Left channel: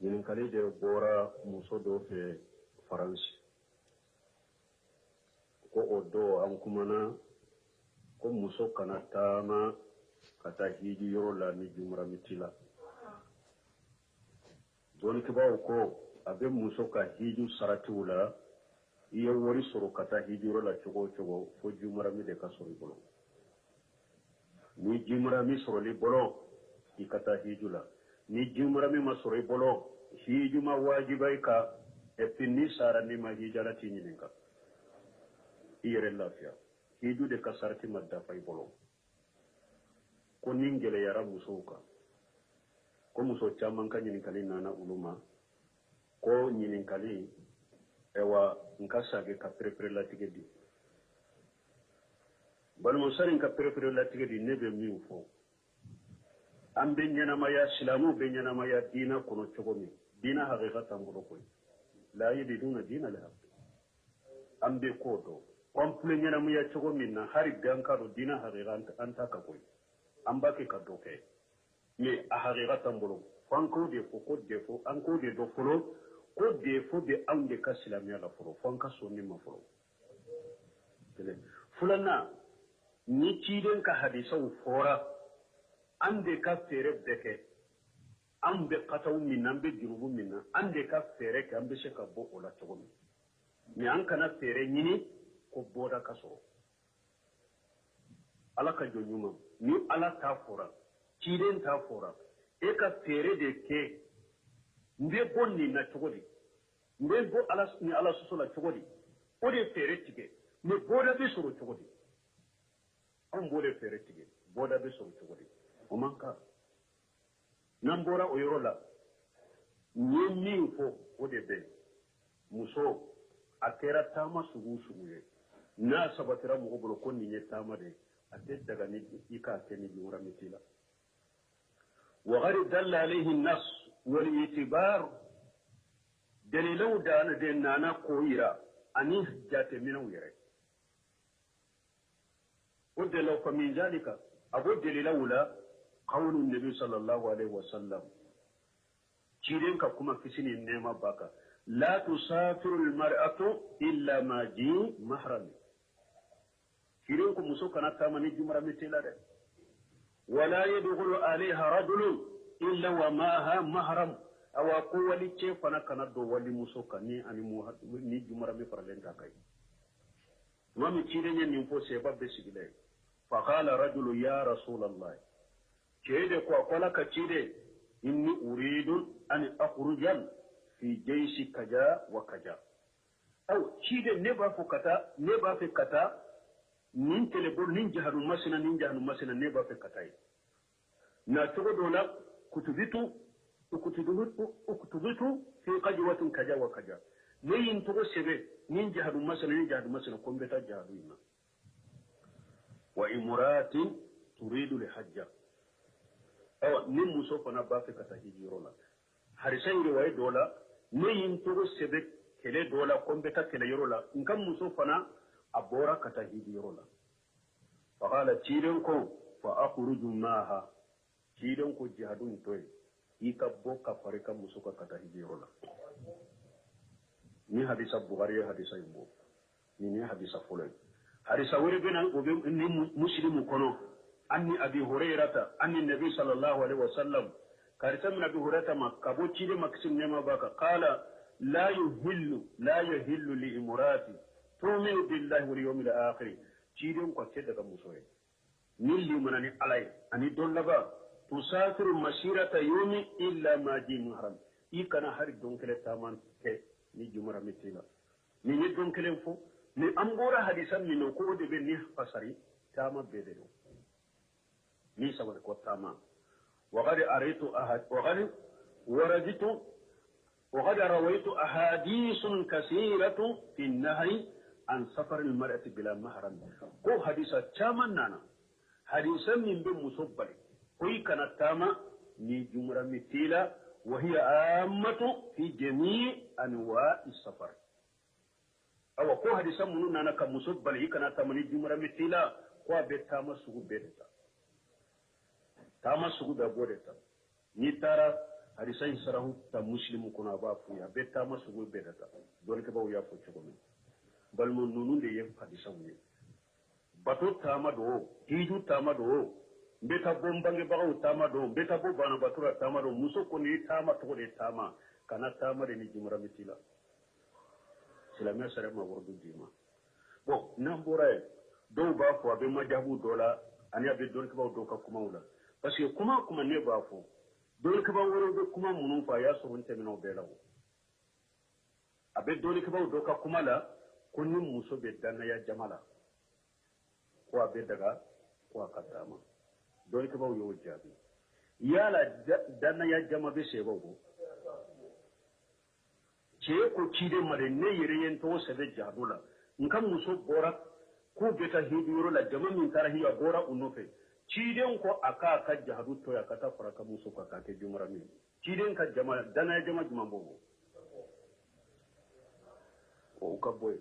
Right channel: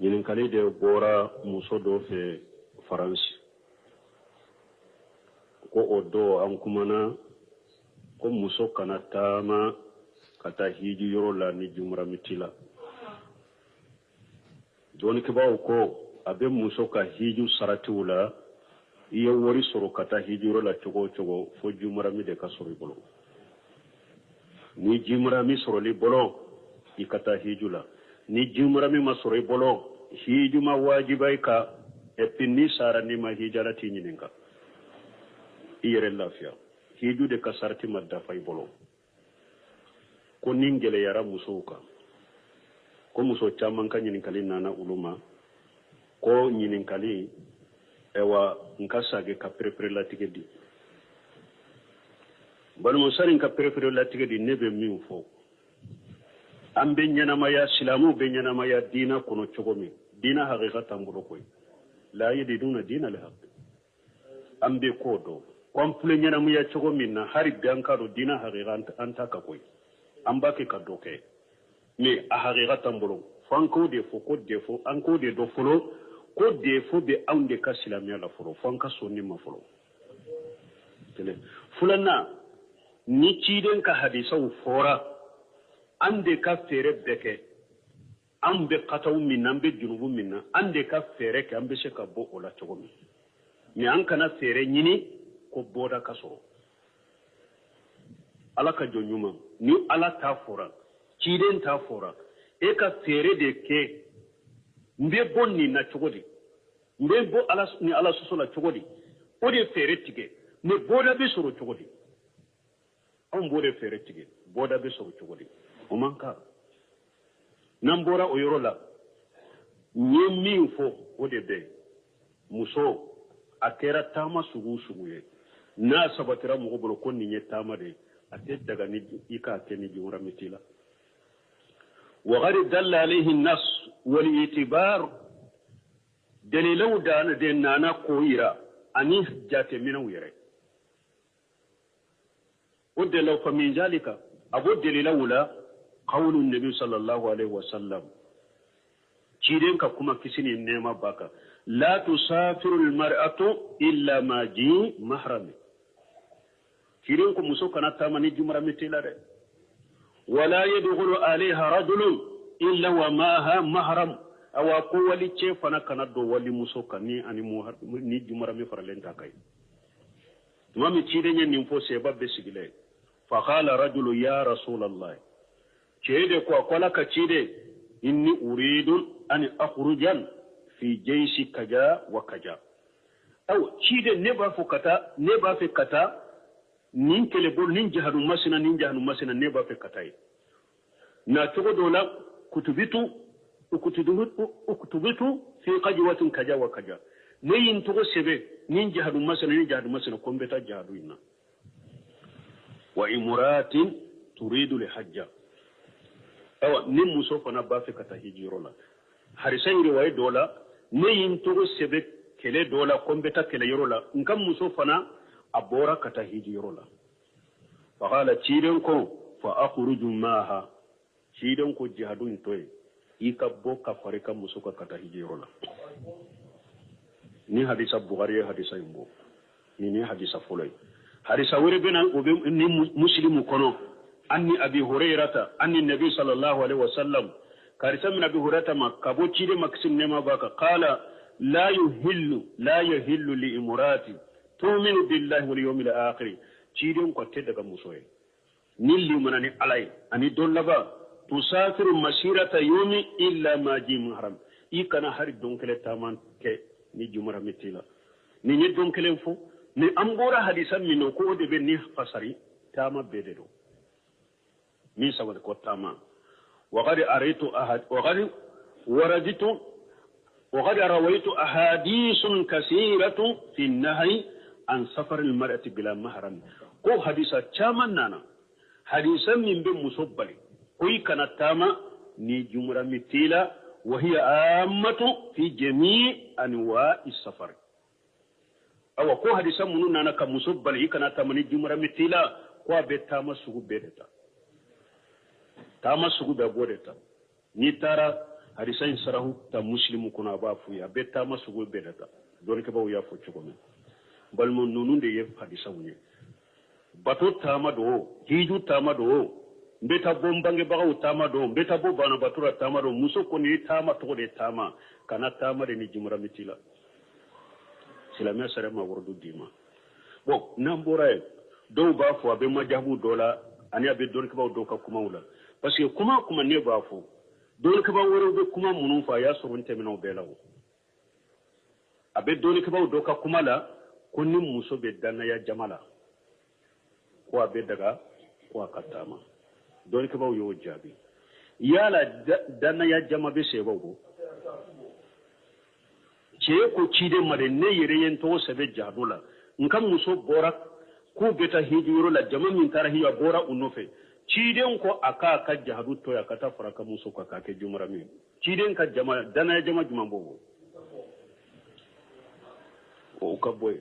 ɲininkali de bɔra muso dɔ fɛ faransi ko o don an kumana ko muso kana taama ka taa hiji yɔrɔ la ni jumuramiti la dɔɔnikɛbaaw ko a bɛ muso ka hiju saratiw la i ye wari sɔrɔ ka taa hiji yɔrɔ la cogo o cogo fo jumurami de ka sɔrɔ i bolo ni jumurami sɔrɔli bolo i ka taa hiju la ni jumurami ma sɔrɔ i bolo hiju ma wajiba i ka epi ni sara ni ma hijala ti ɲininka i yɛrɛ lafiya hiju de ka sarati ma dafa i bolo ko ni gɛlɛyara musow kan ko muso caman ka ɲininkali nana olu ma ko ɲininkali ewa nka sage ka perepere latigɛ di balimusari nka perepere latigɛ di ne bɛ min fɔ an bɛ ɲɛnamaya silamuw bɛ ɲɛnamaya diina kɔnɔ cogo min diina hakika t'an bolo koyi la yadiduna diina al haq an bɛ k'o dɔn kɔnpile ɲɛnamaya cogo min na hari bi an ka dɔn diina hakika an ta ka koyi an b'a kɛ ka dɔ kɛ mais a hakika t'an bolo fo an k'o de fɔ ko defo an k'o de dɔn fɔlɔ ko defo bɛ anw de ka silamɛya la fɔlɔ fo an ka sɔn nin ma fɔlɔ filanan ni ciden ka hadisaw fɔra an de ka fɛɛrɛ bɛɛ kɛ an bɛ kataw min na an bɛ junubu min na an de ka fɛɛrɛ kɛ an bɛ se ka bɔ o la cogo min mais an kana fɛɛrɛ ɲini ko bɔda ka sɔrɔ ala ka jɔn ɲuman ni ala t'a fɔra ciden t'a fɔra e ka fɛɛrɛ de kɛ n bɛ bɔ nin na cogo di n bɛ bɔ ni ala sɔsɔ la cogo di o de fɛɛrɛ tigɛ mais bɔda bɛ sɔrɔ cogo di anw b'o de fɛɛrɛ tigɛ bɔda bɛ sɔrɔ cogo di o man kan n'an bɔra o yɔrɔ la n ye min fɔ o de bɛ muso a kɛra taama sugu sugu ye n'a sabatira mɔgɔ bolo ko nin ye taama de a tɛ daga ni i k'a kɛ ni jumuramiti la وقد دل عليه النص والإعتبار دليلو دان دينانا كويرا أني جات منو يري ودلو فمن ذلك أبو دليلو لا قول النبي صلى الله عليه وسلم تشيرين كما كسيني النعمة باكا لا تسافر المرأة إلا ما جي محرم تشيرين كمسو كانت تامني جمرة متلا ولا يدخل عليها رجل إلا وماها محرم أو أقول لك فأنا كنت ولي مسوكا ني جمرة مفرلين تاكاي ما متشيرين ينفو سيبا بسيجلي فقال رجل يا رسول الله تشيري كواكولا كتشيري إني أريد أن أخرج في جيش كجا وكجا أو تشيري نبا في كتا nin kele bol nin jahadu masina neba fe katai na togo dola ukutubitu fi qajwatin kaja wa kaja ne yin togo sebe nin jahadu masina kombeta jahadu inna wa imratin turidu li hajja awa nin muso fana ba fe kata hijiro la harisan riwaye dola ne yin togo sebe kele dola kombeta kele yoro la ngam muso fana abora kata hijiro la faqala ciden ko fa akhruju maha ciden ko jihadun toy ikabbo ka farika musuka kata hijiro la ni hadisa bukhari hadisa imbo ni hadisa fulay hadisa wuri bena ni muslimu kono anni abi hurairata anni nabi sallallahu alaihi wasallam karisa min abi hurairata makabo cide maksim nema baka qala la yuhillu li imrati tu'minu billahi wal yawmil akhir ciden ko tedda ga musoye nilli manani alay ani dollaba tusafiru masirata yawmi illa ma ji muharram ikana hari donkele taman ke ni jumara mitila ni donkele fo ni ambora hadisan min ko de be ni fasari tama bededo ni sawal ko tama wa qad araitu ahad wa qad waraditu wa qad rawaitu ahadithun kaseeratu fi an-nahy an safar al-mar'ati bila mahram ko hadisa chaman nana hadisan min be musabbali ko ikana tama ni jumra mitila wa hiya ammatu fi jami' anwa'i safar awa ko hadisan mun nana ka musabbali ikana tama ni jumra mitila ko be tama sugu bedeta tama sugu be bodeta ni tara hadisa in sarahu ta muslimu kuna ba fu ya betta masu go bedata don ke bawo ya fo ci ko men bal mon nunu de ye hadisa woni bato tama do hiju tama do mbeta bombange bagaw tama do mbeta bo bana batura tama do muso ko ni tama to de tama kana tama de ni jumra mitila silama sare ma wordu dima bon nambora do ba fo abe majabu dola ani abe don ke bawo do ka kuma wala parce que kuma ne ba fo don ke bawo woro be kuma munun fa ya so runte mino belawo abe don ke bawo do ka kuma la ko ni muso be dana ya jamala ko abe daga ko akatama don ke bawo yo jabi yala dana ya jama be se bawo ce ko cide mare ne yere yen to sebe jadula nkam muso bora ko beta hijiro la jama min tara hiya bora unofe ciden ko aka ka jahadu to ya kata faraka muso ka ka ke jumara mi ciden ka jama dana ya jama juma bobo o ka boy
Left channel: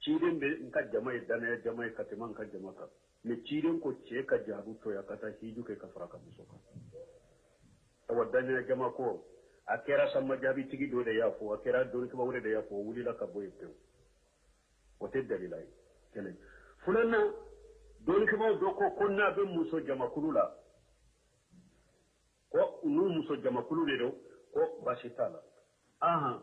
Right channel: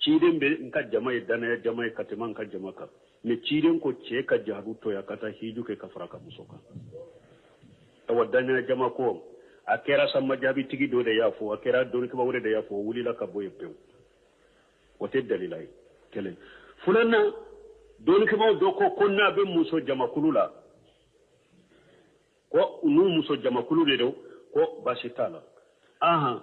ciden be nka jama dana ya jama ka te man ka jama ka me ciden ko ce ka jahadu to ya kata hiju ke ka faraka muso ka tawa dana ya jama ko akera sama jabi tigi do de yafo akera don ke bawre de yafo wuli la ka boye pew wote dalilai kelen fulana don ke baw do ko konna be muso jama kulula ko unu muso jama kulule do ko bashitala aha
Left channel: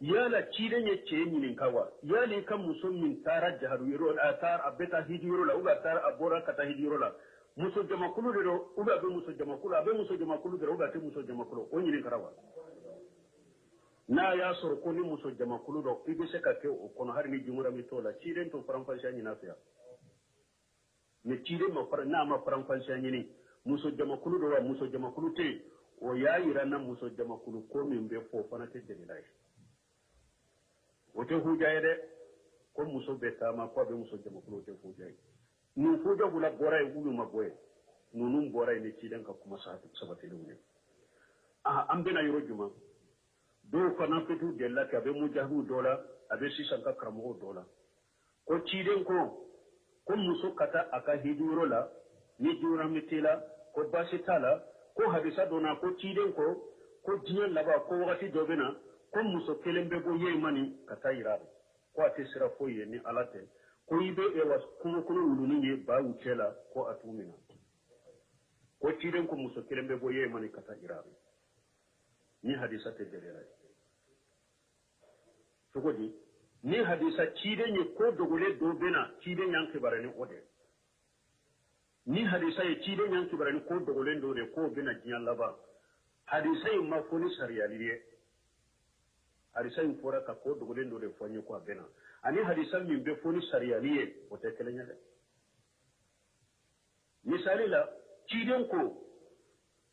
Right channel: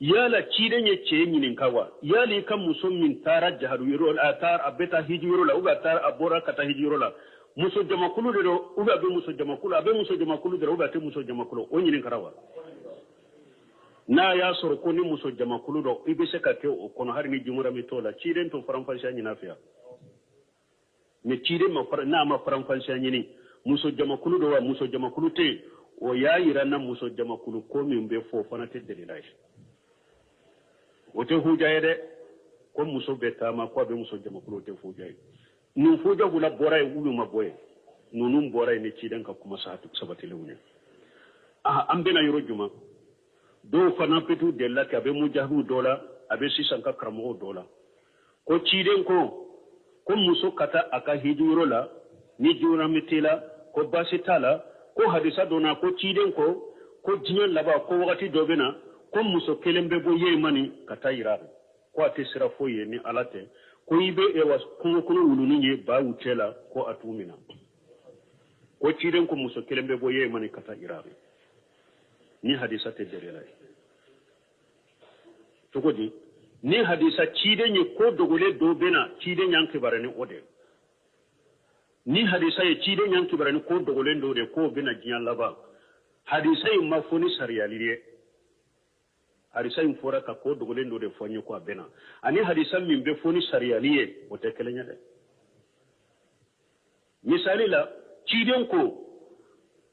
yala cide nye ce nyinin kawa yali kan muso min tara jaharu yoro atar abeta hijiro la uba tar abora kata hijiro la muso jama kulule do uba be muso jama kulu abe muso jama kulu do uba te muso jama kulu o nyinin karawa na ya soro ko ni muso jama kulu do ibe se ka ke o kono har ni jumura mi tola ciden to faranfasha nyina fiya ne ciden ma na ma faranfasha nyini muso jama kulu do wa muso jama kulu te o ya yira na muso jama kulu ko min be fo fana te delilai o te hujaye de ko muso be tama ko be muso jama kulu te hujaye nu fuja gula boray ulu ma boye nunum boray ne ciden ka kuma sabati lewne ambe na yoro juma do fana petu della ka be mujahu dola abe sisan ka karamo dola ko ciden ko muso kata aka hijuro la ni jura mitila ko basitala ko hadisa dona ko ciden ko jinyan laba ko wakati dobena ko muso kelembe bo yemani kata irabe ko ate sira foye ni alate ko ibe ewa kuno wuluni ye ba wutela ko atumina ko ciden ko muso kelembe bo yemani kata irabe ni hadisa te delelai togodi ni hadisa cide nye ko dogole do bena cide nyanke barani ode ni hadisa ye cide nyanke barani ko dogole do de ko bena jiyan laba hadisa ye mafoni sariyaliye hadisa ye fora ka ko dogole do de fonye ko bena ani hadisa min be foni sariyaliye o te kelenya de misali la cide ko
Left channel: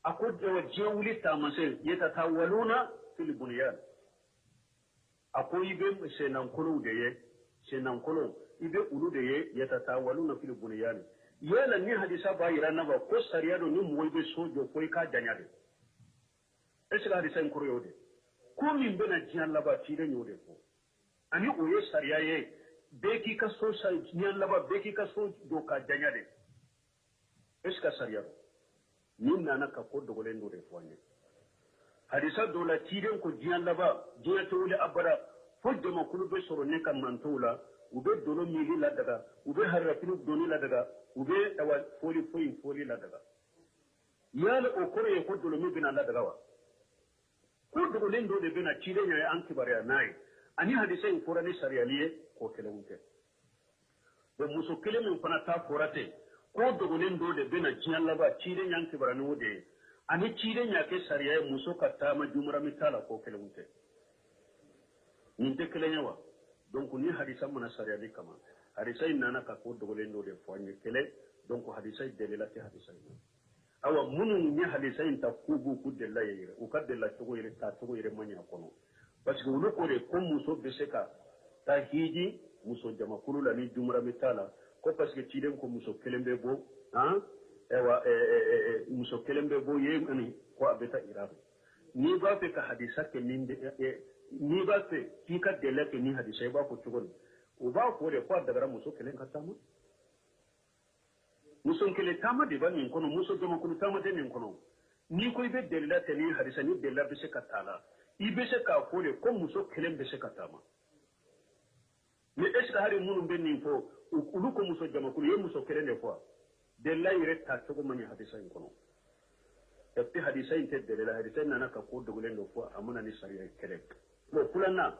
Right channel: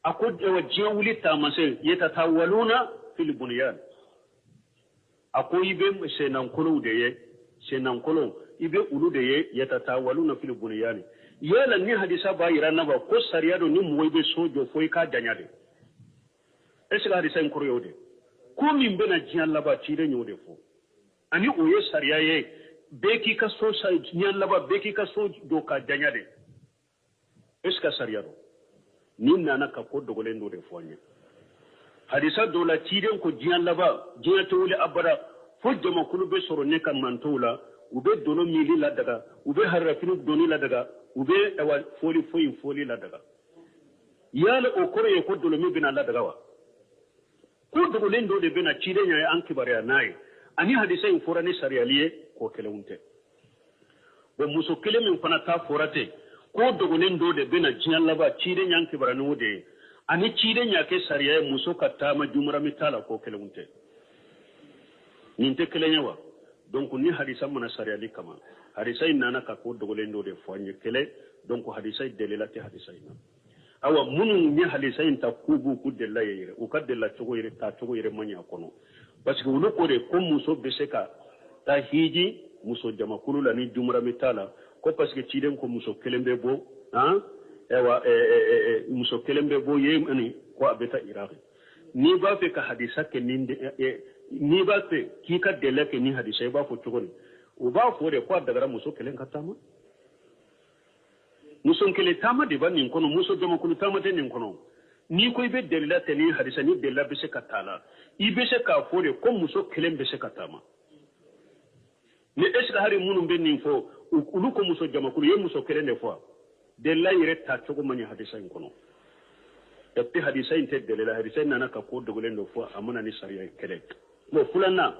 ako de jiyan wuli tamase yetatawaluna fil bunyan ako ibe senankolo de ye senankolo ibe ulu de ye yatatawaluna fil bunyan yela ni hadisa ba irana ba ko sariyado ni mo ibe sojo foi ka danyade esila hadisa nkoro yode ko min bena jiyan laba cide nyode fo ani oye sariya ye beki ka so sa jiyan laba beki ka so do ka danyade eska sariyado ni nana ka ko dogolen do de fonya hadisa dola ciden ko jiyan laba jiya to wuli abada fo jama kulu be soro ne kan mantola ube dono mili la daga ube harrafinu doni la daga ube ewa foli la daga yala o kore ko dolo mi bina la daga wa ko dogolen do de bina ciden ya an kibare nayi ani hadisa in fora ni sariyaliye ko kelewunte bo muso kelemin fana ta forate ko dogolen do de bina jiyan laba ciden yan kibare no de ani ciden ya ke sariya muso ka tama jumra mitala ko kelunte ninte kelenyawa donc ni hadisa mana sariya li kama hadisa inana ka ko dogolen do de foanye kele donc hadisa delelati hadisa ina awa munu ni hadisa inta kubu ku della yere o ka della togo yere ta togo yere manya kono parce que wulu ko de ko muso beseka ta hiji muso jama kulula ni jumra mitala ko parce que ciden ko muso kelembe bo ewa muso kelembe bo yemani ko abeta iraqi ni ba fe ka hadisa ke ni ba fe ki ka dele ke ni hadisa ba fo tugoni o ba fo de ko daga muso kelen ka tama muso kele tama de ban nin kono muso jama kulu tama de nin kono ni ko ibe delila tani hadisa ni delila be se katala ibe se ka fole ko muso kelen be se katama ni eska hari munum be nin fo ulu ko muso jama kulu ye muso kelen de fo delila yire ta to ko mani hadisa in kono dabti hadisa in te delila hadisa nana ka ko dogolen do fo amana ni sariya kelen mo fulana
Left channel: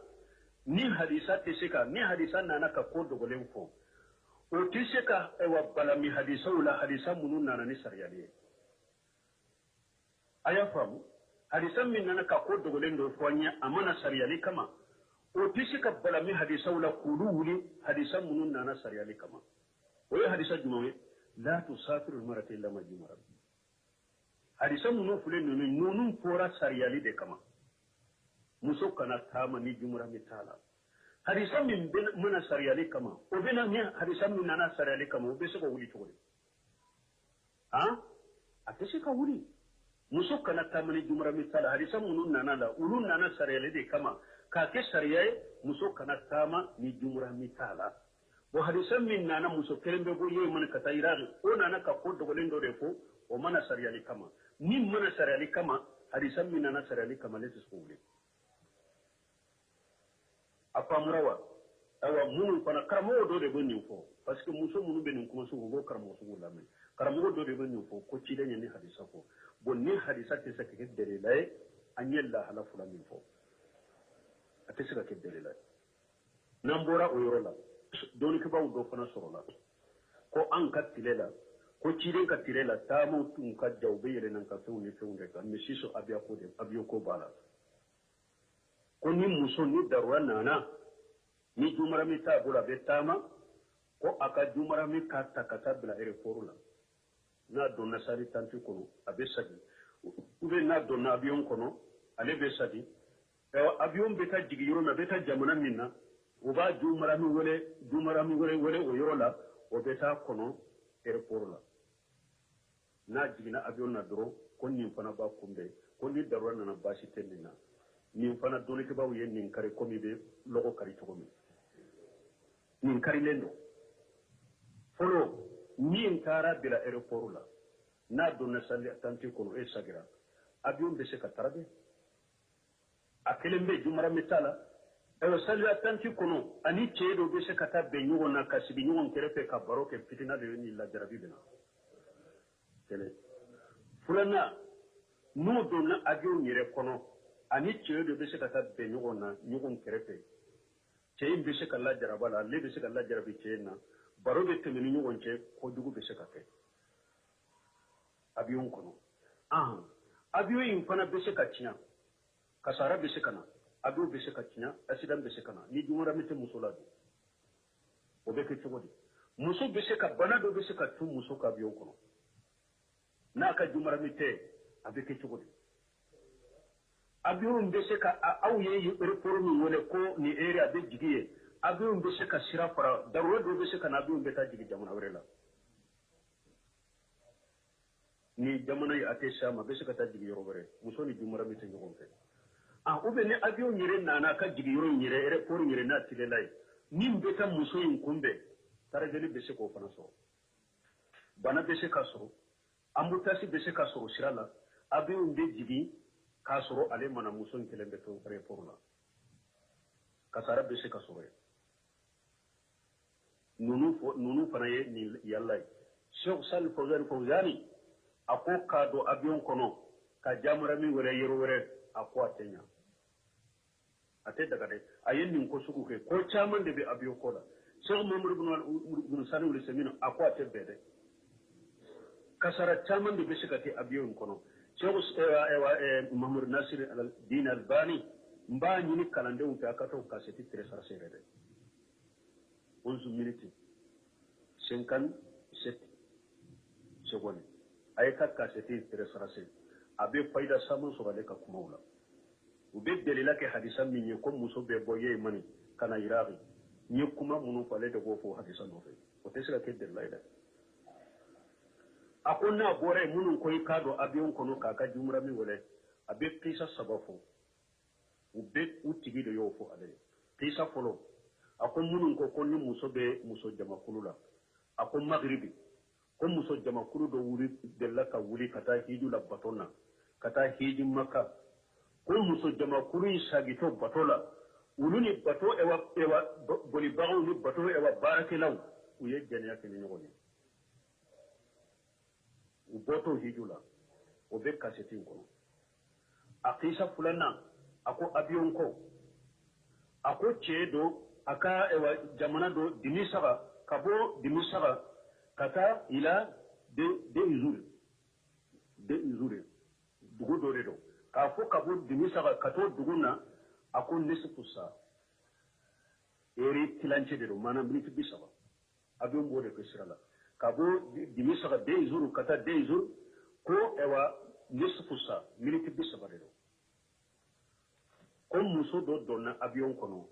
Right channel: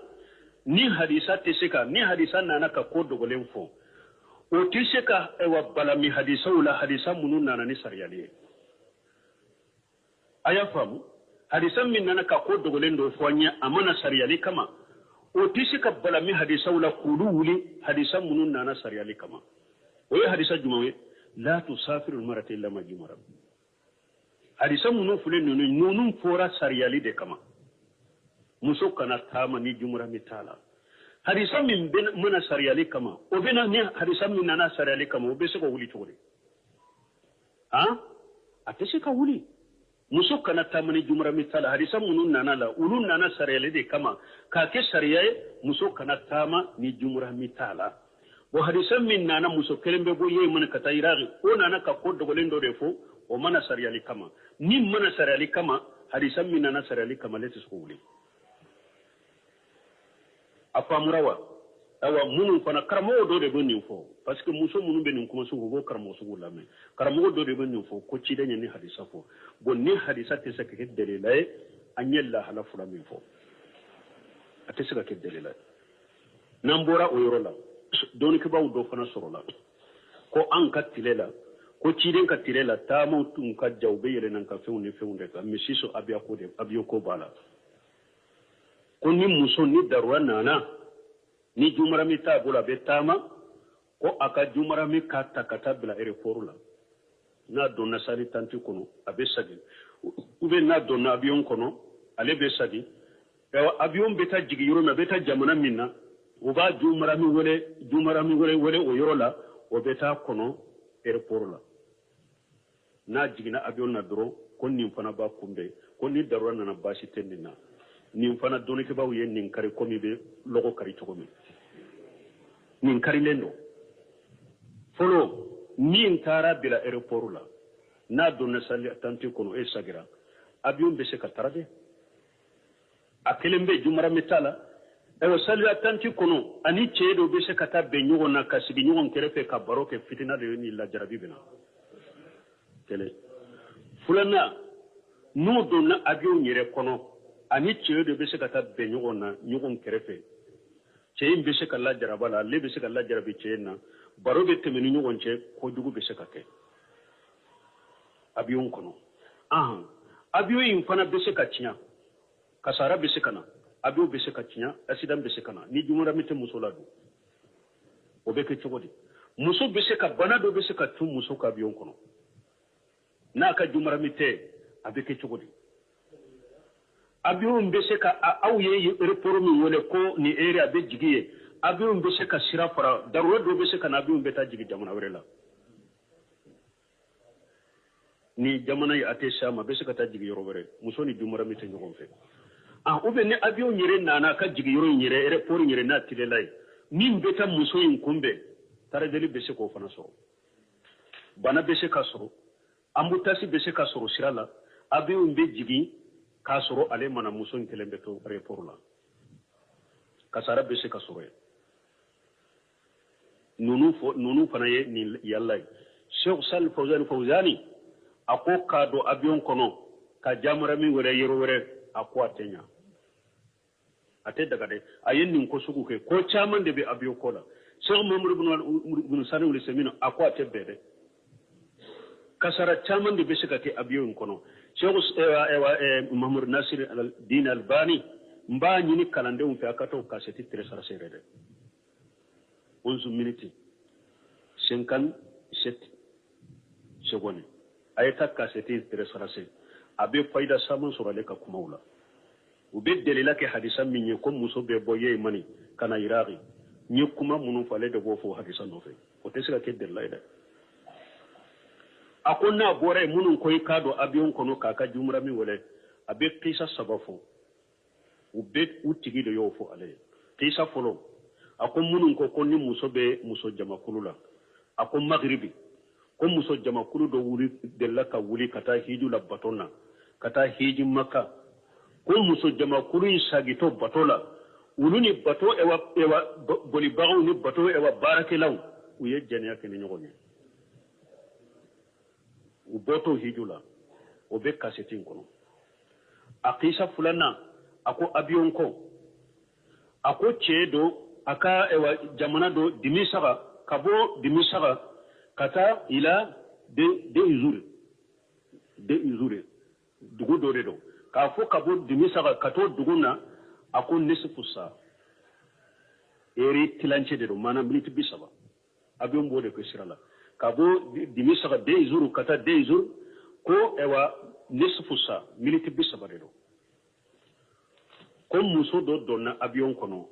ni hadisa te se ka ni hadisa nana ka ko dogolen fo o ti se ka wa balami hadisa wala hadisa munun nana ni sariya le aya famu hadisan min nana ka ko dogolen do fonya amana sariyali kama o tisi ka balami hadisa wala kulu wuli hadisan munun nana sariyali kama o ye hadisa jumawe la tusafiru almarata illa majmara hadisan munun fule nunun fora sariyali de kama muso kana tama ni jumra mitala hadisan min ben mana sariyali kama o bena ni hadisan min nana sariyali kama o be se ko wuli togore ha atese ka wuli muso kana tamani jumra mitala hadisa munun nana la ulun nana sariyale de kama ka ke sariyaye muso kana tama ni jumra mitala bo hadisa min nana muso kelembe bo yey mun kata iraqi o nana ka ko dogolen do defo o mana sariyale kama ni mana sariyale kama hadisa min nana sariyale kama letis ko wuli apa murawa awa munun fana karamo do de bonni fo parce que muso munun be nin kuma su go karamo su la me karamo do de bonni fo ko ci dañe ni hadisa fo bon ni hadisa te sa ke delilay anyella hala fula min fo ate sa ke delilay nambora o yorola don ke baw do fana sorola ko an ka tilela ko ci den ka tilela ta mutun ka jawbe yele nan ka fewnde ka misiso abiya ko de abiyo ko bala ko ni muso ni darwa nana ni jumara mi ta bula betama ko aka jumara mi kata kata bila aéroport la na donna sari tanti kono abe sadi ube na donna avion kono ale be sadi avion beta jigi yoro na beta jamana minna uba jumara mi wole o yoro la o beta kono aéroport la na jigina avion na dro kon ni fana ba kumbe kon ni darwa na bashi tendina nin fana doni ke baw ye nin kari komi be logo kari to komi nin kari lendo folo nin tara bila aéroport la na donna sali tanti kono e sagira avion be se ka tarade akelembe jumara metala e sali tanti kono ani chedo be se ka tabbe nyugo na kasigi nyugo kerefe ka baroke fitina de ni la jarabi bina tele fulana no donna avion nyere kono ani ceye de be se ka taa bɛn ɲɔgɔn na ɲɔgɔn kɛrɛfɛ cɛ in be se ka lajaraba la ale be se ka lajarabi cɛ in na baro be tɛmɛ ni ɲɔgɔn cɛ kojugu be se ka kɛ avion kɔnɔ avion in fana be se ka tiɲɛ kasara be se ka na avion be se ka tiɲɛ accident be se ka na ni jumara mi tɛ muso la don o be kɛ cogo di muso be se ka bana dɔ be se ka tun muso ka avion kɔnɔ n'a ka jumara mi tɛ a be kɛ cogo di avion be se ka aw ye aéroport min wele ko ni area be jigiye avion be se ka sira fara darwa do be se ka na avion be ta jigi jamana wɛrɛ la ni jamana yi ate sama be se ka ta jigi yɔrɔ wɛrɛ muso ni jumara mi tɛ ɲɔgɔn fɛ ou bien ni avion yɛrɛ nana ka jigi yɔrɔ yɛrɛ aéroport yɛrɛ n'a tilela ye min be ta muso in kunbɛn taradeli be se k'o fana sɔrɔ bana be se ka sɔrɔ embouteillage be se ka sɔrɔ sira la avion be jigi k'a sɔrɔ ale mana muso in kelen bɛ to aéroport la kasara bɛ se ka sɔrɔ yen ninnu fana ye nin yalla ye Sheikh Salih Fawzani a ko k'a don avion kɔnɔ ka jamara min wɛrɛ yɔrɔ wɛrɛ a ko a tɛ ɲa a tɛ daga dɛ a ye nin ko sugu kɛ ko caman de bɛ avion ko la Sheikh Muhammadu bin Salih al-Utsaimin a ko a tɛ bɛɛ dɛ kasara caman de bɛ se ka kɛ avion kɔnɔ Sheikh Muhammad Nasir al-Din Albani mba ñini kalandenw fɛ a ka to kaseti télécharger yɛrɛ dɛ 11 minutes 57 secondes a ye ta kaseti télécharger a bɛ fayida saman sɔrɔ ale ka kumaw la u bɛ delila kɛ hadisa min ye ko muso bɛ bɔ ye mani ka na iraki n ye kuma minnu fɔ ale de b'o fɔ hadisa nɔfɛ o tɛ se ka kɛ delila ye dɛ a ko n'a bɔra yen minnu ko i k'a dɔn avion kɔnɔ k'a ka jumura min wele a bɛ kisa saba fɔ u bɛ u tigi de y'o fɔ ale ye kisa fɔlɔ a ko minnu ko ni muso bɛ muso jamakulu la a ko magribi ko muso jamakulu dɔ delila ka wuli ka taa hiju la baton na kata hiji makka ko muso jama kuri sagito batola uluni bato ewa boli bago ni bato ewa barake law uye janiya kene nyogoni u boto hijula o be kasetin kono akisa fulana ako abiyon ko ako chedo aka ewa jamana do dimisaba kabo dimisaba kata ila de izure dugu do redo ka fo kabo dimisaba kato duguna ako nisfu sa eri tilanche de do mana minute bisaba abiyon bo de ko sirala kabo dimisaba de izuru kata de izuru ko ewa nisfu sa minute bisaba de do ko muso do donna avion kono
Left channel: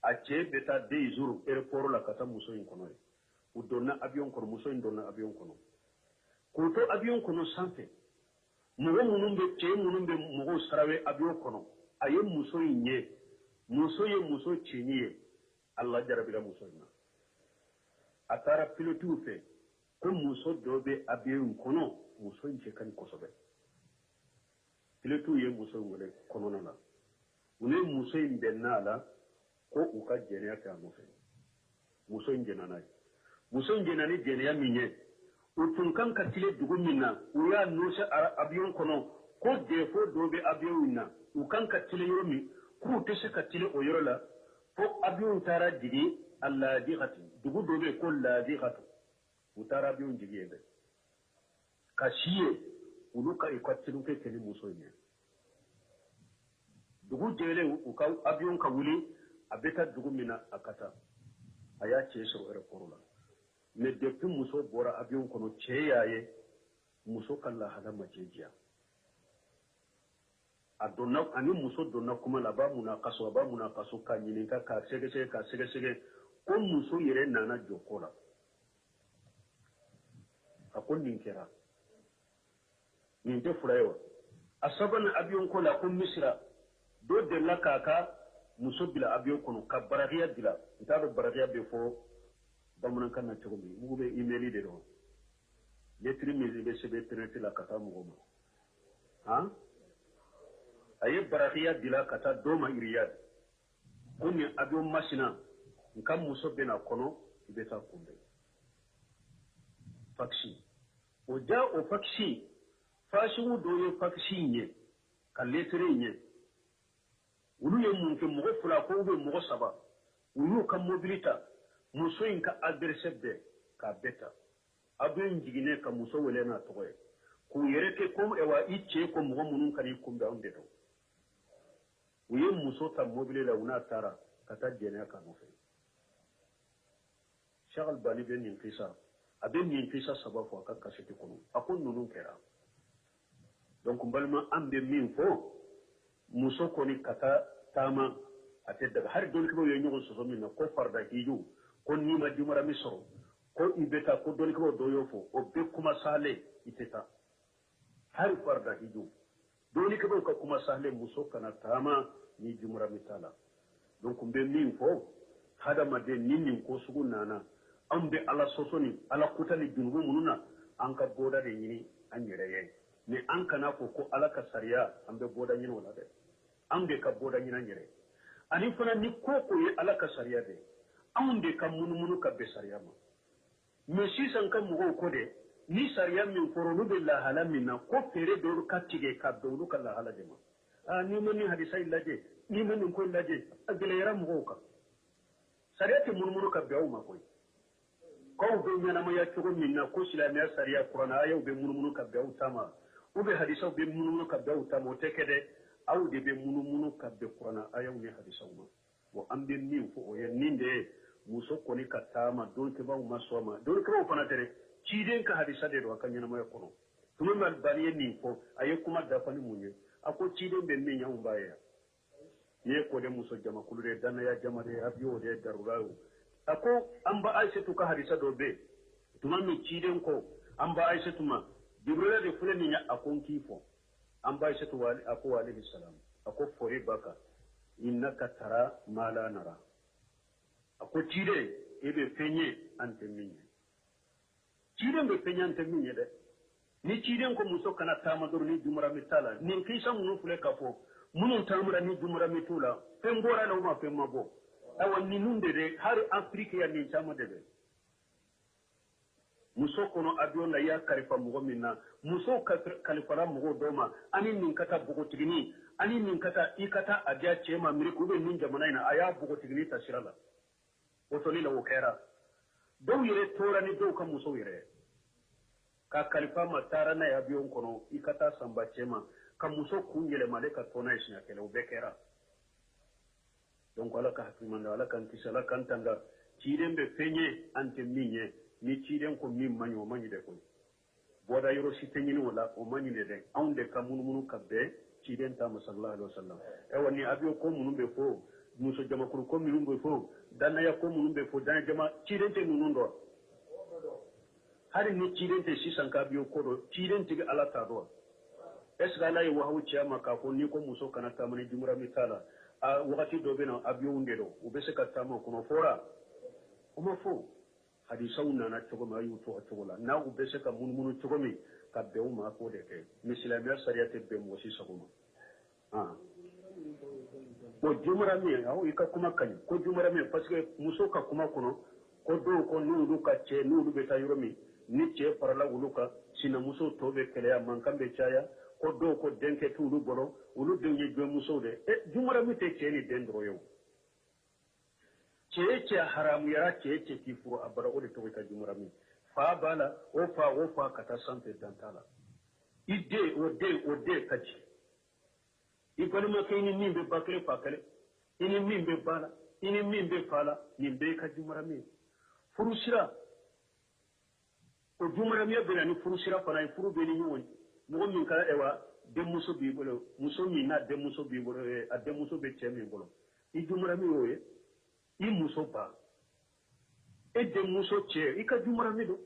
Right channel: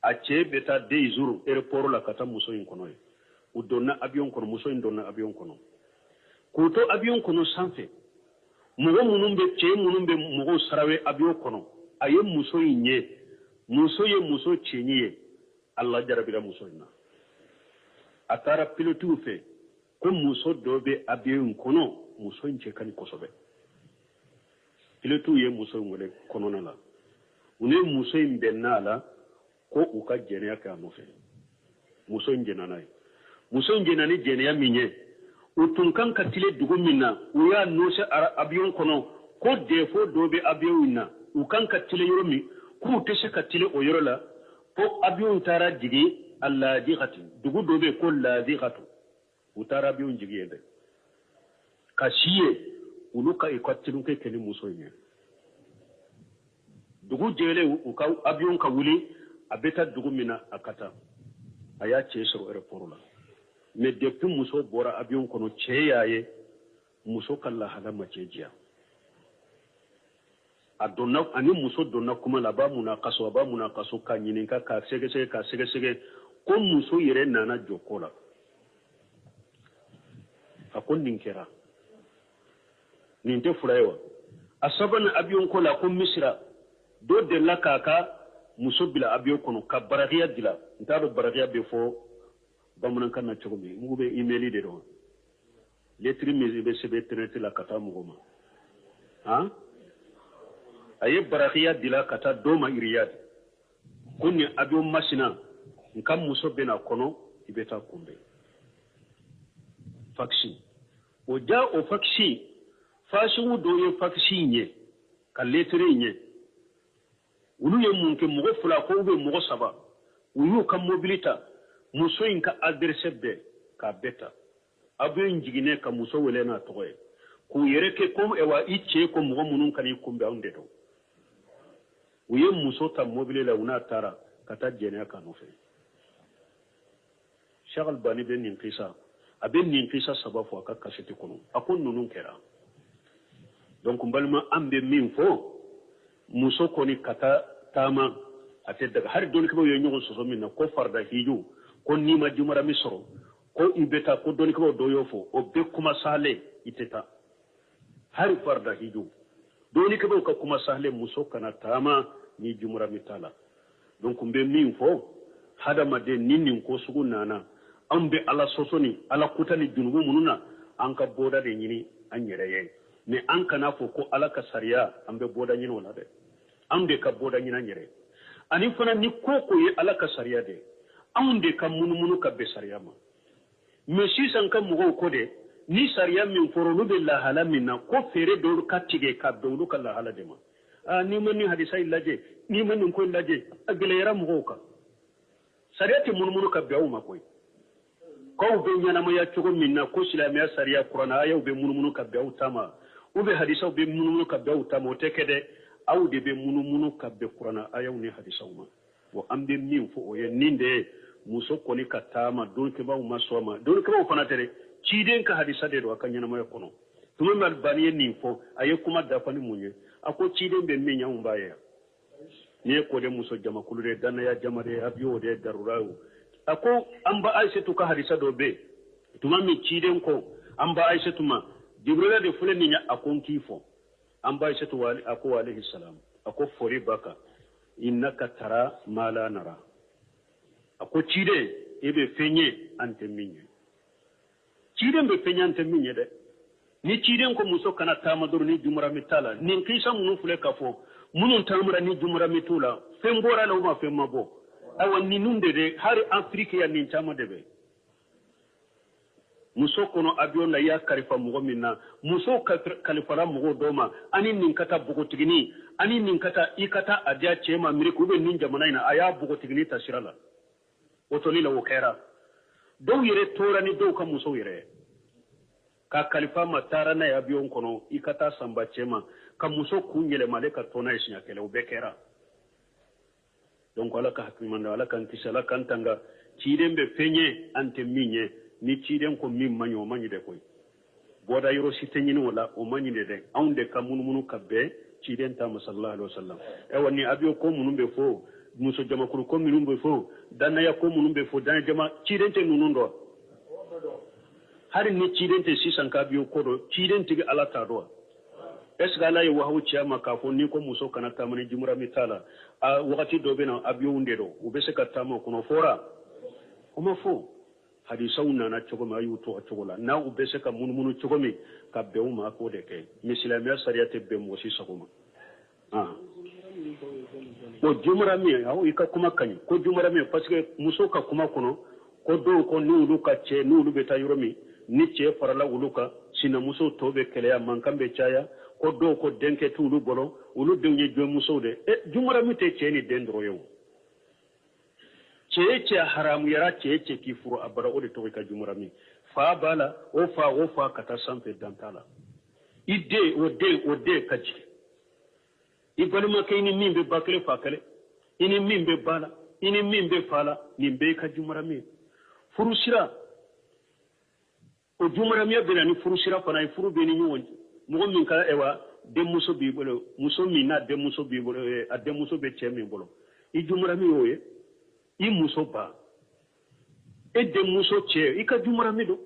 a che beta de jour aéroport la kata muso in kono e u donna avion kono muso in donna avion kono ko to avion kono sanfe mugo munumbe che munumbe mugo sarawe avion kono aye muso inye muso ye muso chenye Allah jarabira muso ina atara pilotu fe ko muso dobe avion kono muso inche kani kosobe pilotu ye muso ngole kono na la une muso in bennala ko uka jeniya ka mo fe muso in jenana muso in jenani jeniya minye utun kan katile dugu minna uya nose abiyon kono ko defo dobe abiyon na ukan katile yoro mi ku tese katile o yoro la ko abiyon tara jigi alla dighati dugu dobe ko la dighatu utara abiyon jigi ende kashiye uluka ikatilu ke keni muso in dugu jele uka avion ka wuli abeta dugu mina akata aya chesoro aéroport la mais depuis muso bora avion kono cheyaye muso kala halama chejiya adonna ani muso donna kuma la ba muna kaso ka nyininka ka sege ko muso yere nana jokola akon ninkera ninte furayo asabana avion kola ko misra do de la kaka muso bila abiyo kono ka baragiya dila ntado baragiya be fo bamunan kan na chogomi mugo be emaili de do letri mezi be sebe tenete la kata mugo ma ha aye baragiya dila kata do ma iriyad kunni abiyo masina nkam muso be na kono ibeta kumbe faksi o ja o faksi fashi do ye faksi nye ka letri nye ulu ye munke mogo fula ko be mogo saba uyu ka mobilita muso in ka adresse be ka beta abu njigine ka muso wele na toye ku yereke ko ewa iche ko mogo munun kan ikumbe onde do uye muso ta mobile la una tara kata jene ka no fe shagal bani be nin qisa abe nin qisa saba fo ka kaseti kono akon nunun kera donc mbalma ambe min fo muso koni kata tama ate daga har doni ko yo nyogo soso minna ko farda hiju ko nima jumara misro ko ibeta ko doni ko do yofo o be kuma sale iteta har farda hiju doni ko ka kuma sale muso kana tama ni jumara mitala donc mbe min fo hada made ninnin ko sugu nana ambe ala sosoni ala kutani junubu mununa anka boda de nyini anyere ye mais an kana fo ko ala ka sariya ambe boda nyino na de amde ka boda nyina nyere ani fana ni koko ye ala ka sariya de amde ka munumunu ka be sariya ma mais si san ka mugo ko de ni sariya min forolu be la hala minna ko fere do ka tige ka do ka la hala de ma ni man ni hadisa illaje ni man ko illaje agele yara mugo ka sariya te munumunu ka be ma koy ko be nyana ma ya chogo minna ko silamiya sariya qur'ana ayu be munumunu ka be tama ube hadisa be munumunu ka be tama o tekede aw de be munumunu ka be qur'ana ayu ni hadisa ma wo ambe min fo o ye ninde muso koni ka tama don ke ba ma soma don ke ba fana tere ciden ka hadisa de do akanya na ma kono tumo mal baniye ni fo aye kuma da fani munye ako ciden be min nyam baye ne ko de muso jama kulure dan ya jama de abiyo de darurawo ako amba aishatu ka hadisa do be tuma mi ciden ko amba aishatu ma jibrila de fule ni akon kifo amba aishatu wali ako alayhi salam ako fori baka innaka tara mala nara ako cide ebe fenye ante minye cide be fenye ante minye de ni ciden ko muso kana tama dor ni jumra mitala nin kisa munu fule kafo munun tamra ni jumra mitula fembora la uma femabo awan ni nunde de hari afrique ya nin tama debe muso kono avion la ya kalifa mugo minna muso kalifa la mugo doma ani nin kata bugotigini ani nin kata ikata adia chema miriku be nin jamana ina aya bugotigini tasirala otoli la wokera do yere tora ni do ka muso yere ka kalifa matara na avion kono ikata samba chema ka muso kunyele maleka tona isinya kele ubekera donc ala ka hakimanda ala kan kisala kan tanga chidembe fenye ante minye ni ciden ko min manyo manyi de koy boda yoro sitenyini wala o manyi de aunde ka munumunu kabbe ciden ta sallallahu alaihi wasallam e woni abiyo ko munumbe fo muso jama ko munumbe fo danna ya ko munumbe fo dan jama ciden te nunundo hari ni ciden te sisan ka biyo ko do ciden tigi ala ta do esga la yo hawo ciama ka fo ni ko muso kana tamani jumura mitala a wakati do bena abiyo unde do ubese ka tamo kono fora o ma fo hadisa unana chogo ma yuto chogo la na ubese ka munumunu chogo mi ka bewu ma ko de ke misilamiya sariyate be mo si sagoma o jumra mi hawo ika kuma kany ko jumra mi parce que muso ka kuma kono ko do ko ni ulu ka che ni ulu beta yoromi ni che farala ulu ka sina muso tobe kele ya mankambe chaya ko do ko denke tu ulu bolo ulu denye jo muso de jumra mi te che ni dendro yo cece haramu yara cece ki furo abara o de to ka jumurami fa bala o fa kata sampe dantala ide o de kaji ibali makini mimbe bakle fakale ini mimbe bala ini mimbe fala nimbe ka jumurami furusira o jumurami bela ni furusira fana furu be ni nyonji mo min kala ewa de muso bi bolo muso mi na de muso bi bolo a de muso be chemi bolo I jumurami oye I muso ba e de muso che I ka jumurami do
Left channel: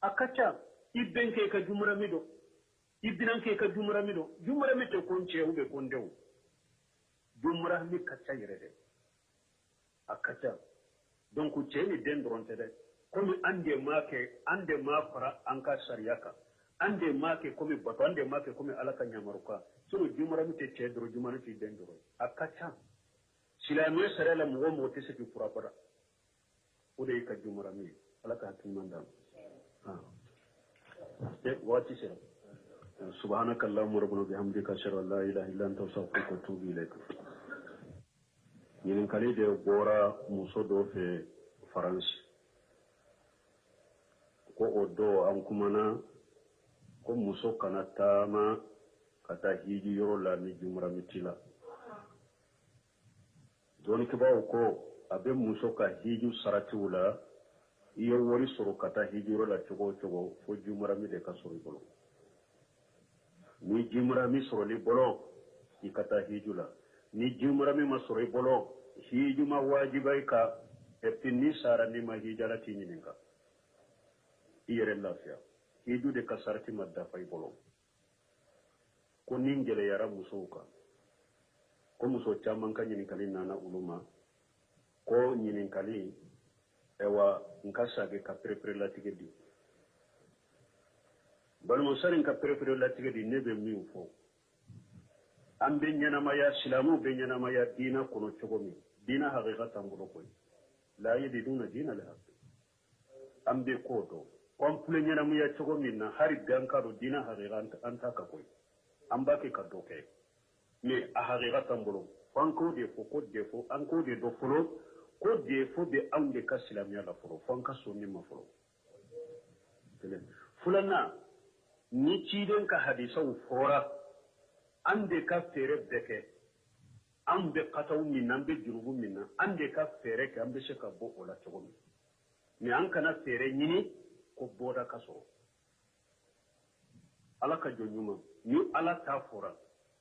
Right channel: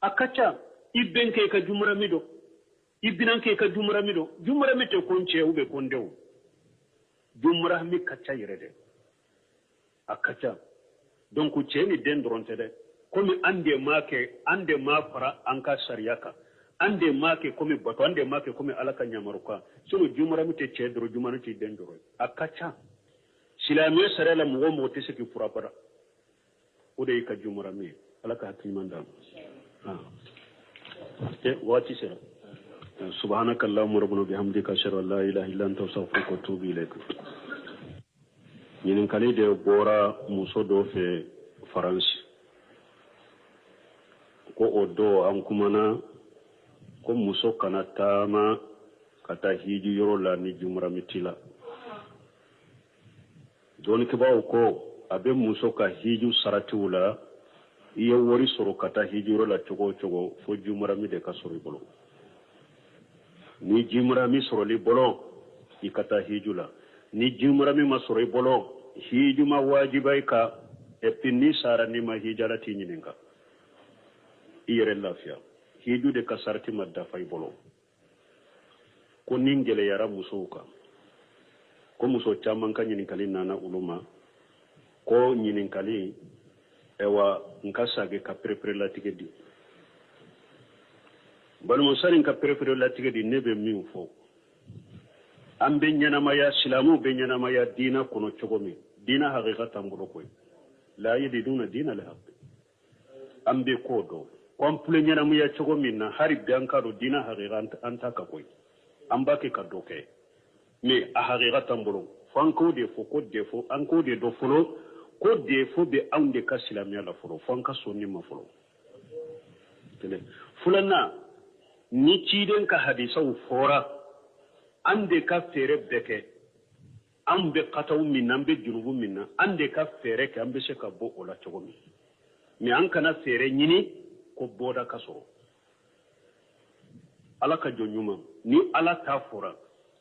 akacha I benke ka jumurami do I binanke ka jumurami do jumurami te konche ube kondewo jumurami kacha yirede akacha donc che ni dendronte de comme ande ma fara anka sariyaka ande make comme bato ande make comme alaka nyamaruka sunu jumurami te che dro jumurami te dendro akacha silamiya sarala mugo mo te seki furapara o de ka jumurami alaka hakimanda wati sera subhanaka allahumma rabbana bihamdika ashhadu an la ilaha illa anta astaghfiruka wa atubu ilaik ñinin kali de bora muso do fe france ko o do an kumana ko muso kana tama kata hiji yoro la ni jumurami tila doni kibaw ko abe muso ka hiju sarati wula iya wari soro kata hijuro la chogo fo jumurami de ka soro bolo ni jumurami soro li bolo ikata hijula ni jumurami ma soro bolo hijuma wajibai ka epini sara ni ma hijala tinyininga iyere lafiya hiju de ka sarati madda fay bolo ko ningele yara muso ka ko muso caman ka ɲininkali nana uluma ko ɲininkali ewa nka sage ka perepere latigɛ di balimusani ka perepere latigɛ di ne bɛ min fɔ an bɛ ɲɛnamaya silamuw bɛ ɲɛnamaya diina kɔnɔ cogo min diina hakika t'an bolo koyi la yajiduna diina lhaqi an bɛ k'o dɔn kɔnpile ɲɛnamaya cogo min na hali bi an ka dɔn diina hakika an ta ka koyi an b'a kɛ ka dɔ kɛ mais a hakika t'an bolo fo an k'o de fɔ ko defo an k'o de dɔ fɔlɔ ko defo bɛ anw de ka silamɛya la fɔlɔ fo an ka sɔn nin ma fɔlɔ filanan ni ciden ka hadisaw fɔra an de ka fɛɛrɛ bɛɛ kɛ an bɛ kataw min na an bɛ jurubu min na an de ka fɛɛrɛ kɛ an bɛ se ka bɔ o la cogo min mais an kana fɛɛrɛ ɲini ko bɔda ka sɔrɔ ala ka jɔn ɲuman ni ala t'a fɔra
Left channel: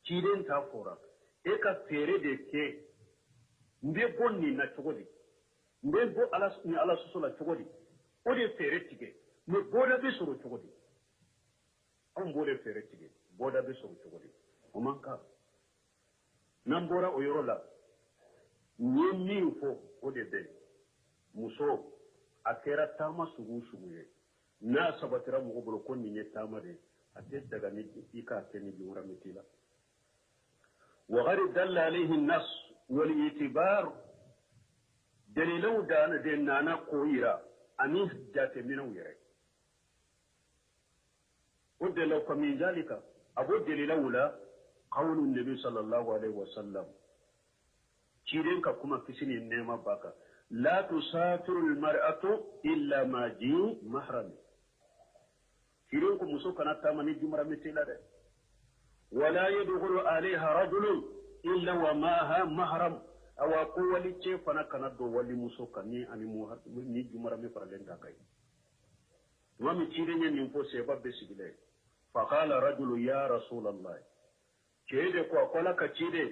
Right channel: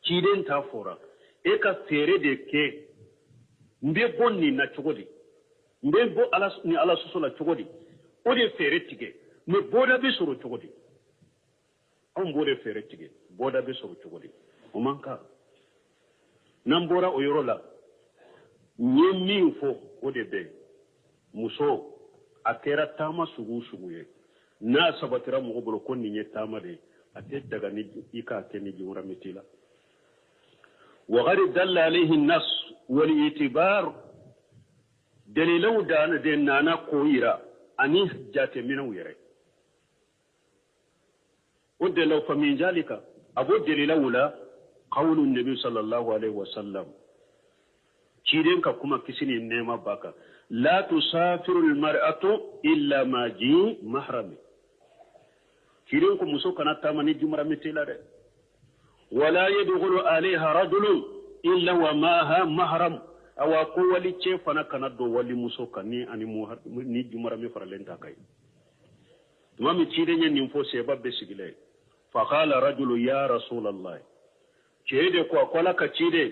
ciden t'a fɔra e ka fɛɛrɛ de kɛ n bɛ bɔ nin na cogo di n bɛ bɔ ni ala soso la cogo di o de fɛɛrɛ tigɛ mais bɔda bɛ sɔrɔ cogo di anw b'o de fɛɛrɛ tigɛ bɔda bɛ sɔrɔ cogo di o man kan n'an bɔra o yɔrɔ la n ye min fɔ o de bɛ muso a kɛra taama sugu o sugu ye na sabatira mo bolo ko ni tamade ate daga ni ika ke ni jumra mitila wa gharid dalla alayhi an-nas wal itibar dalilu dana de nana koyira ani jate mina wire ودلو فمن ذلك أبو دليل أولى قول النبي صلى الله عليه وسلم كيرين كما كسيني النعمة باكا لا تسافر المرأة إلا ما جي محرم كيرين كم مسوك نتامني جمرة مثل ولا يدخل عليها رجل إلا وماها محرم أو قوة لتشي فانا كندو ولي مسوك ني جمرة مفرلين تاكاي تمامي كيرين ينفو سيباب بسيقلي فقال رجل يا رسول الله كيدي قولا كيدي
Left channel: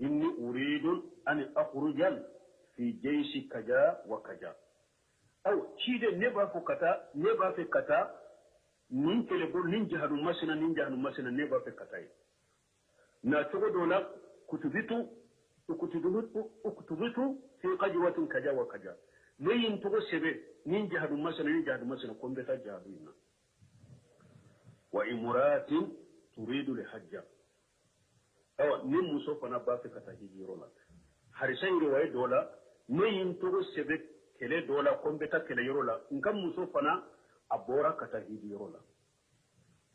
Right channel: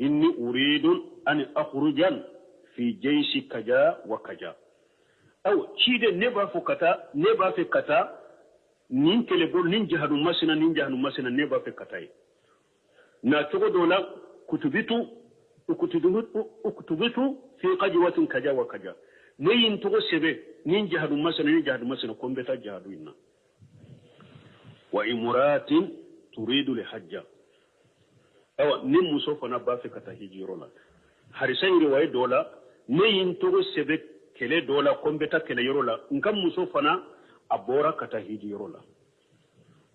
إني أريد أن أخرج في جيش كجا وكجا أو كيدي نبا في كتا نين كلبول نين جهد مسنا نبا في كتاي ناتوغو دولا كتبتو في قجوة كجا وكجا نين توغو سبي نين جهد مسنا كومبتا جهدو إنا وإمرات تريد لحجة أو نم مصوفنا بافك تهيجيرولا حرسين رواية دولا نين توغو سبك كله دولا كومبتا كله يرولا نكم مصوفنا أبورا كتهيجيرولا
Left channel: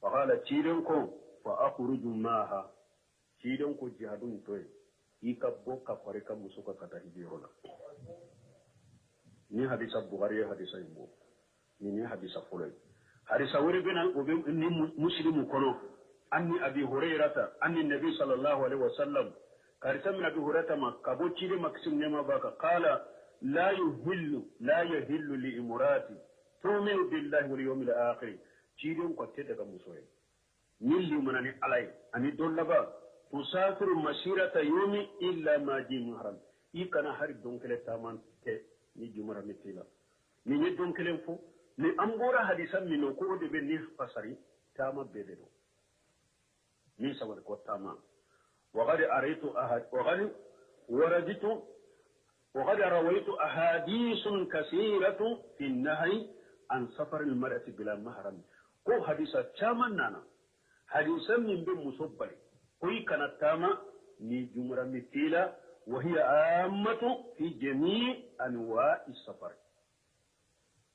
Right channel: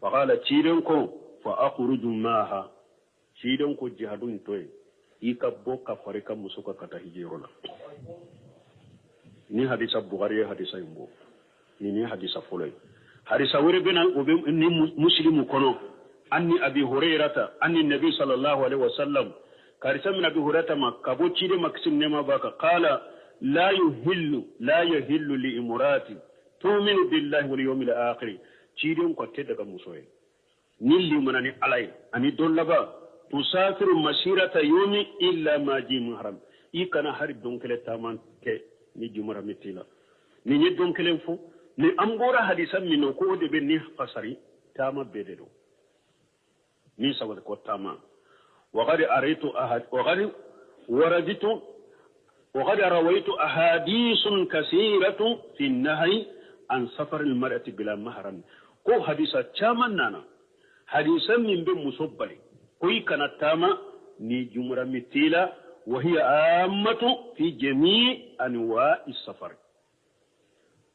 فقال تيرنكو فأخرج معها تيرنكو جهدون توي يكبو كفاريكا مصوكا كتهيجيرولا ni hadisa Bukhari hadisa imbo ni hadisa folay hadisa wore bena ni muslimu kono anni abi hurairata anni nabi sallallahu alaihi wasallam karisa min abi hurairata makabo chide maksim nema baka qala la yuhillu li imrati tu'minu billahi wal yawmil akhir chide ko tedda ga musoye nilli manani alay ani dollaba tusafiru masirata yawmi illa ma ji muharram ikana hari donkele taman ke ni jumara mitila ni nyedon kelen fo ni ambora hadisan min ko de be ni qasari tama bededo ni sawal ko tama wa qad araitu ahad wa qad waraditu wa qad rawaitu ahadithun kaseeratu fi an-nahy an safar al-mar'ati bila mahram ko hadisa chaman nana hadisan min be musabbali ko ikana tama ni jumara mitila وهي عامة في جميع أنواع السفر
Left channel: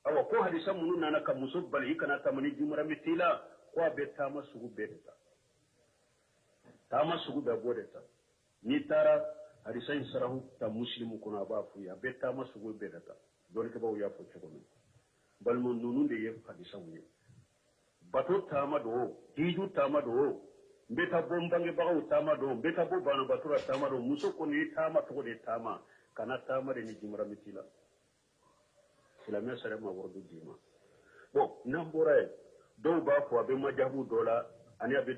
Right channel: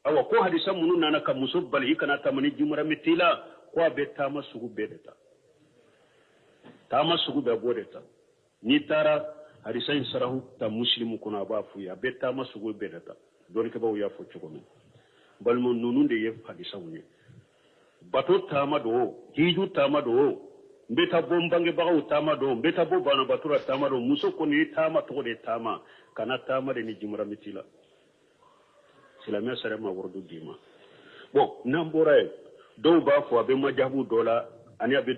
أو كو حديثا منو نانا كمسوب بل يكنا تمني جمرة متيلا كو بيتاما سوغو بيدتا تاما سوغو بيبودتا نيتارا حديثا يسره تا مسلم كنا بافويا بيتاما سوغو بيدتا دونك باو يافو چوكومي بل من نونون دي يف حديثا وني باتو تاما دو هيجو تاما دو mbeta bombange baga tama do mbeta bo bana batura tama do muso ko ni tama to de tama kana tama de ni jumra mitila silamia sare ma wordu dima bon nambora do ba fo abe majabu dola ani abe